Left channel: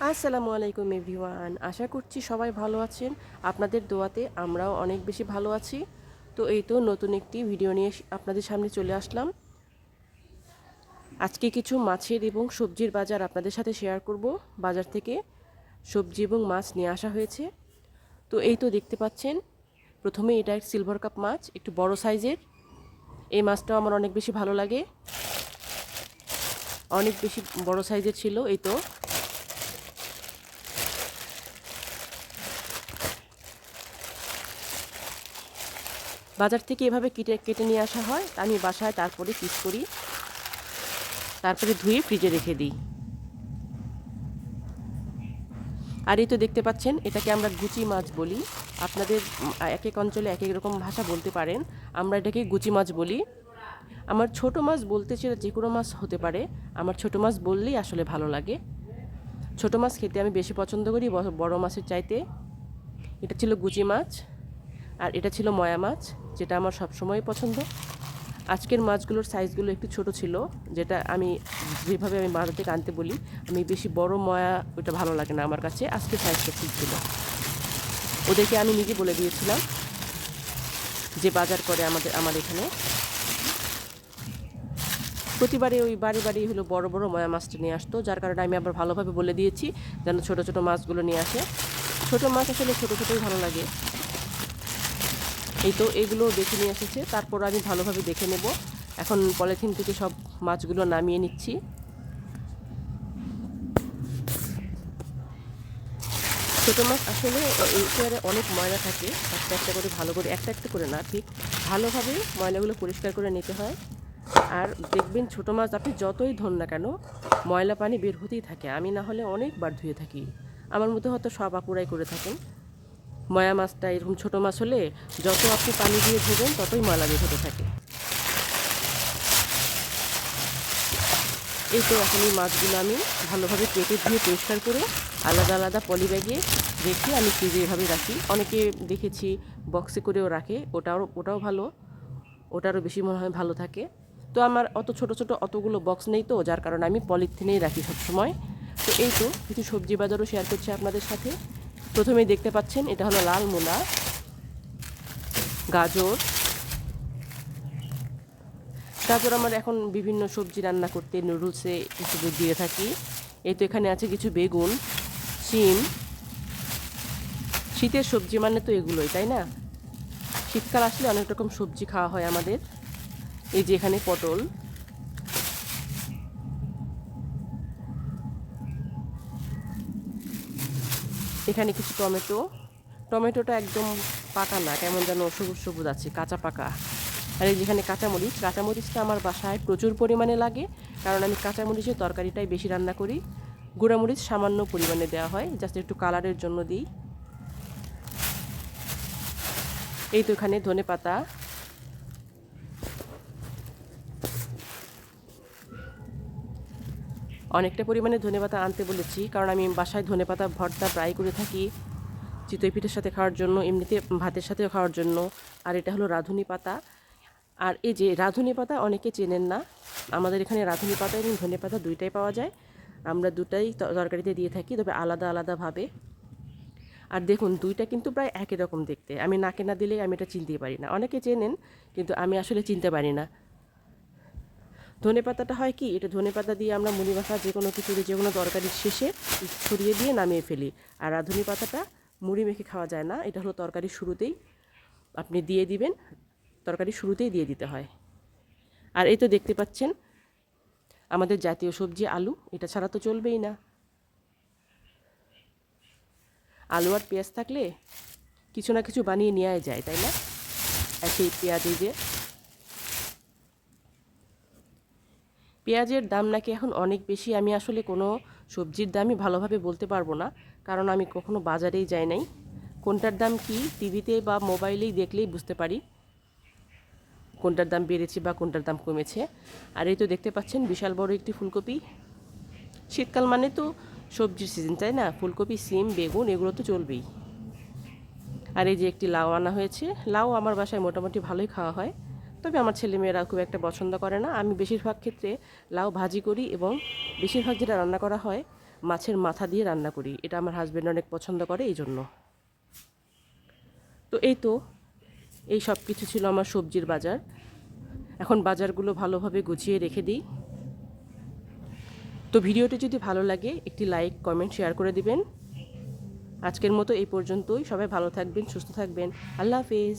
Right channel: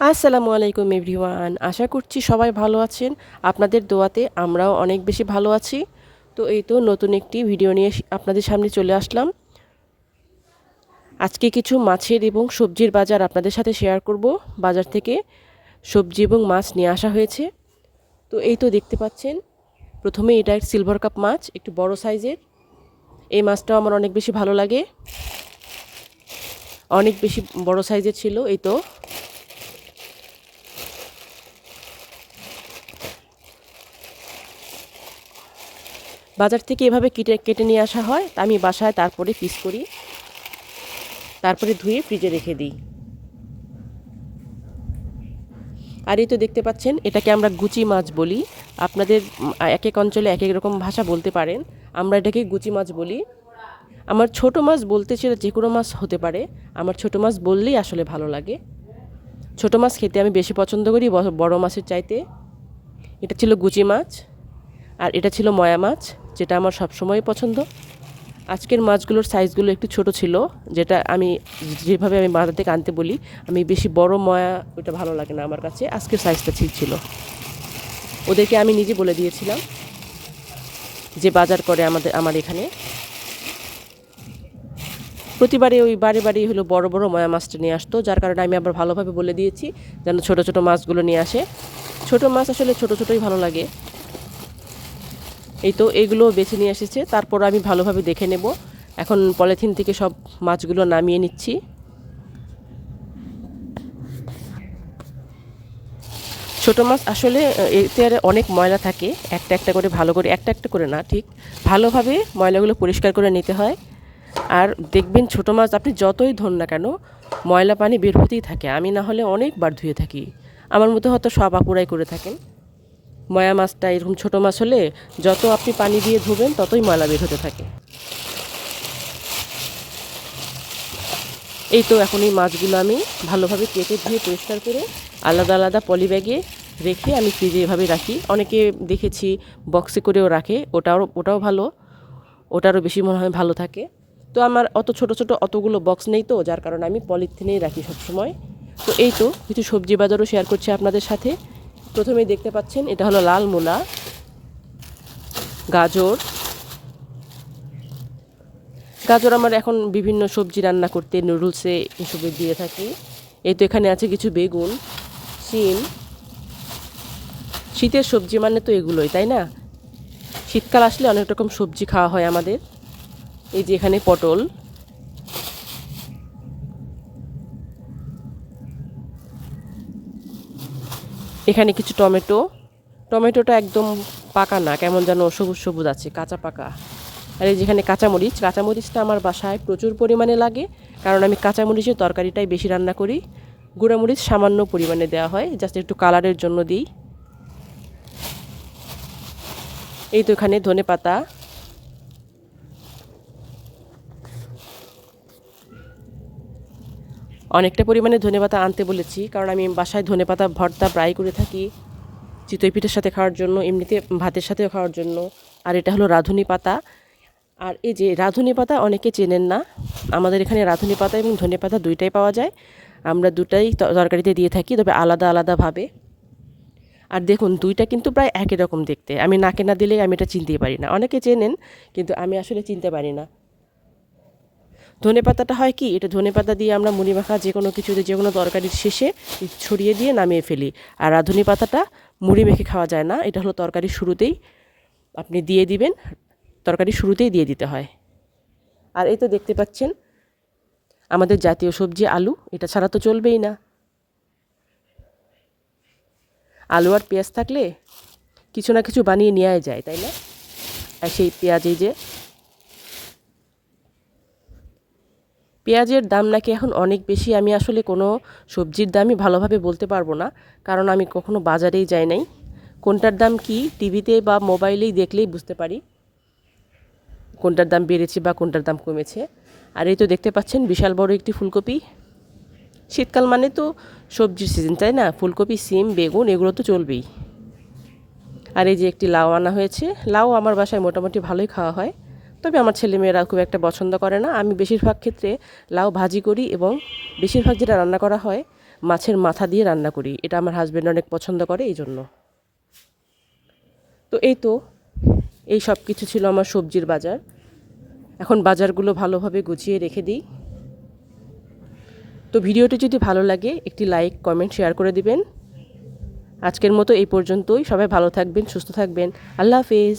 আসসালামু আলাইকুম এভরিওয়ান, আশা করছি সবাই ভালো আছেন। আপনাদের দোয়াতে আমরাও অনেক বেশি ভালো আছি। তো এই তো নতুন একটি ভিডিও নিয়ে আপনাদের সামনে চলে আসলাম। আজকে কিছু মাছের এবং সবজির বাজার আপনাদের সাথে শেয়ার করব। বাজার থেকে সবজি এবং মাছ নিয়ে আসা হয়েছে। তো এই তো দেখতে পাচ্ছেন, প্রথমে এটা এক সিলভার কাপ মাছ, একটু বড় সাইজের। এই মাছটাও আমার অনেক বেশি ভালো লাগে, অনেক বেশি বড় সাইজের ছিল। এই তো বাজার থেকে এভাবে কেটে কেটে নিয়ে আসা হয়, আমি বাসায় তারপরে পিস করি, তারপরে ধুয়ে ফ্রিজে রেখে দিই। আর এই তো দেখতে পাচ্ছেন, এটাকে আমরা গুচি মাছ বলি। আপনাদের এক এক অঞ্চলে এক এক রকম ভাষা বলতে পারেন। আমরা এটাকে গুচি মাছ বলি। আমার ছোট মাছ বলতে সেটা যে কোনো মাছ হতে পারে, আমার ছোট মাছ বললেই আসলে ভালো লাগে। ছোট মাছ খেতে আমি বেশি পছন্দ করি বড় মাছের চাইতে। এটা ছিল গুচি মাছ, আর এটা ছিল ময়া মাছ, যেটা আমার সবসময় পছন্দ। আজকের মাছগুলোর সাইজগুলো একটু ছোট ছিল, যেটা আমি যেভাবে আমি বাজার থেকে আনতে বলি, আমি বেশি বড় ময়া ওটা ভালো লাগে না আমার কাছে। আজকের সাইজটা ঠিক ছিল। ওদেরকে আমি নিজে বলে দিয়েছিলাম যে বাজার করে আমার এখানে প্রতিবারে ওই বারে বারেই হলো বড় বড় ময়া মাছটা নিয়ে আসতো, যার কারণে আমি আবার ভালোভাবে বলে দিয়েছি যেন ছোট ছোট মাছগুলো নিয়ে আসে। ছোট মাছ আসলে ছোট ছোটই ভালো লাগে। এই তো এগুলো বেছে নিয়ে এসেছে, তারপর আমি ভালোভাবে দেখে নেব। এখন পলিথিন থেকে সব মাছগুলো নামিয়ে নিচ্ছি। ছোটো মাছ আসলে এতে অনেক ময়লা থাকে, একটা একটা করে ভালো করে, একটা একটা করে না, ঠিক ভালোভাবে ময়লাগুলো পরিষ্কার করে নিতে হয়। আর দেখবেন ছোটো মাছ আপনি যতই ধোন না কেন, ময়লা পানি বের হতেই থাকে। আমি না হলে অনেকবার ধুয়ে থাকি, আমার মতো হয়তো সব আপুরাই করে থাকেন। ময়া মাছটা এরকম ছোটো মাছ হলে যত আপনি পানি দিয়ে ধুবেন ততই ময়লা বের হতে থাকে। এই তো এখন এই মাছগুলো আমি ভালোভাবে কেটে ধুয়ে পরিষ্কার করে আলাদা আলাদা পলি ব্যাগে রেখে আমি ফ্রিজে এভাবে রাখি। অনেকে দেখেছি বক্সে করেও রাখে, ওটাও ভালো, ওটারও বেশি মনে হয় ভালো থাকে। তো আমার অত ছোট ছোট অতগুলো বক্স নেই, তো যার কারণে আমি পলিথিনেই রাখি সবসময়। তো এই তো কিছু সবজি বাজারও শেয়ার করছি আপনাদের সাথে। প্রথমেই দেখতে পাচ্ছেন, এটা হলো লাল মূলা, গাজর। গাজর আমার এখন বিভিন্ন সবজি রান্না করতে, নুডলসে এসবে দিয়ে থাকি। এই তো এখানে আছে কিছু বেগুন, শিম। শীতের সবজি মানে তো এগুলোই, তাই না? শীতকাল আসলে অনেক রকম সবজি খাওয়া হয় আমাদের। এই যে এখানে পটল, এখানে কিছু টমেটো। টমেটোটা একদম পাকা না, কেমন যেন সবুজ সবুজ আছে, কাঁচা পাকা। আর এই যেখানে কাঁচামরিচ, কাঁচামরিচটা আমার বাসায় প্রচুর পরিমাণে লাগে, কারণ আমি কাঁচামরিচের তরকারিটাই বেশি রান্না করি। গুঁড়ামরিচ সামান্য পরিমাণে দেওয়া হয়, জাস্ট একটু কালারের জন্য দিই। এই তো এখানে ধনে পাতা, অনেকটা পরিমাণে ধনেপাতা আনতে বলেছি, কারণ আমি বাসায় ধনেপাতা ভর্তা প্রায় করে থাকি, চিতই পিঠের সাথে খাওয়ার জন্য, এমনিতে ভাতের সাথেও খাওয়ার জন্য। আর এটা হলো রাঁধুনি পাতা। আর এই যে রাঁধুনি পাতা অনেকে চেনেন না, আমাদের এখানে রাঁধুনি পাতা এবং ধনে পাতা দুইটাই পাওয়া যায়। আমরা দুটাই তরকারিতে দিয়ে থাকি, তবে আলাদা আলাদাভাবে। আর দেখুন, দুইটা কিন্তু প্রায় একই রকম দেখতে। আমি নাকে না দিলে আমি এটা চিনতেই পারি না। অনেকে চেনেন, কিন্তু আমি আসলে চিনতে পারি না। ধনেপাতাটা হয় কি, এটা ধনেপাতা দিয়ে আমরা মুড়ি মাখা যে কোনো কিছুতে, যে কোনো তরকারির শেষে ছড়িয়ে দিয়ে নামিয়ে ফেলি। আর রাঁধুনি পাতাটা মুড়ি মেখে খাওয়া যায় না, এটা হলো তরকারির শুরুতেই আপনি দিয়ে দিবেন, তরকারির শুরুতেই দিয়ে দিতে হয়। আর এই তো দেখতে পাচ্ছেন আমাদের জাতীয় সবজি আলু, এটা ছাড়া তো চলবেই না। আলু আর পেঁয়াজ থাকলে কিছু না কিছু বানিয়ে নেওয়াই যায়, তাই না? আর সেই পেঁয়াজ, এই যে পেঁয়াজের দাম নাকি এখন অনেক বেশি। আমি আসলে কোনো সবজির দামই ভালোভাবে বলতে পারবো না, কারণ আমি কখনো বাজারেই যাই নাই। কোনটার দাম কি টিভিতে বা মোবাইলেই দেখলেই বুঝতে পারি কোনটার দাম বেড়েছে বা কোনটার দাম কমেছে। আর এই তো দেখতে পাচ্ছেন বিশাল বড় একটি ফুলকপি। শীতকাল মানে তো সবজির সিজন, তাই না? ফুলকপি, সিম, বেগুন এগুলো তো চলবেই। আর এই যে একটি লাউ আনা হয়েছে। লাউ আমার বাসায় মোটামুটি ভালোই খাওয়া হয়, তবে আমার ছেলেমেয়েরা খুব একটা পছন্দ করে না। আমি বেশিরভাগ ক্ষেত্রে লাউ ভাজি করি, এবং বেশিরভাগ যেটা রান্না করা হয় মাছের মাথা দিয়ে রান্না করি। এটা আমার হাজব্যান্ড অনেক পছন্দ করে এই জন্য। তো এই সব কিছু ছিল আমার সবজির বাজার। এখন বাজারগুলো ভালোভাবে গুছিয়ে রেখে দিই। তো ভিডিওটি যদি ভালো লাগে একটি লাইক, কমেন্ট, শেয়ার করে দিবেন। আজকের মতো এই পর্যন্তই। সবাই ভালো থাকবেন, সুস্থ থাকবেন। আল্লাহ হাফেজ।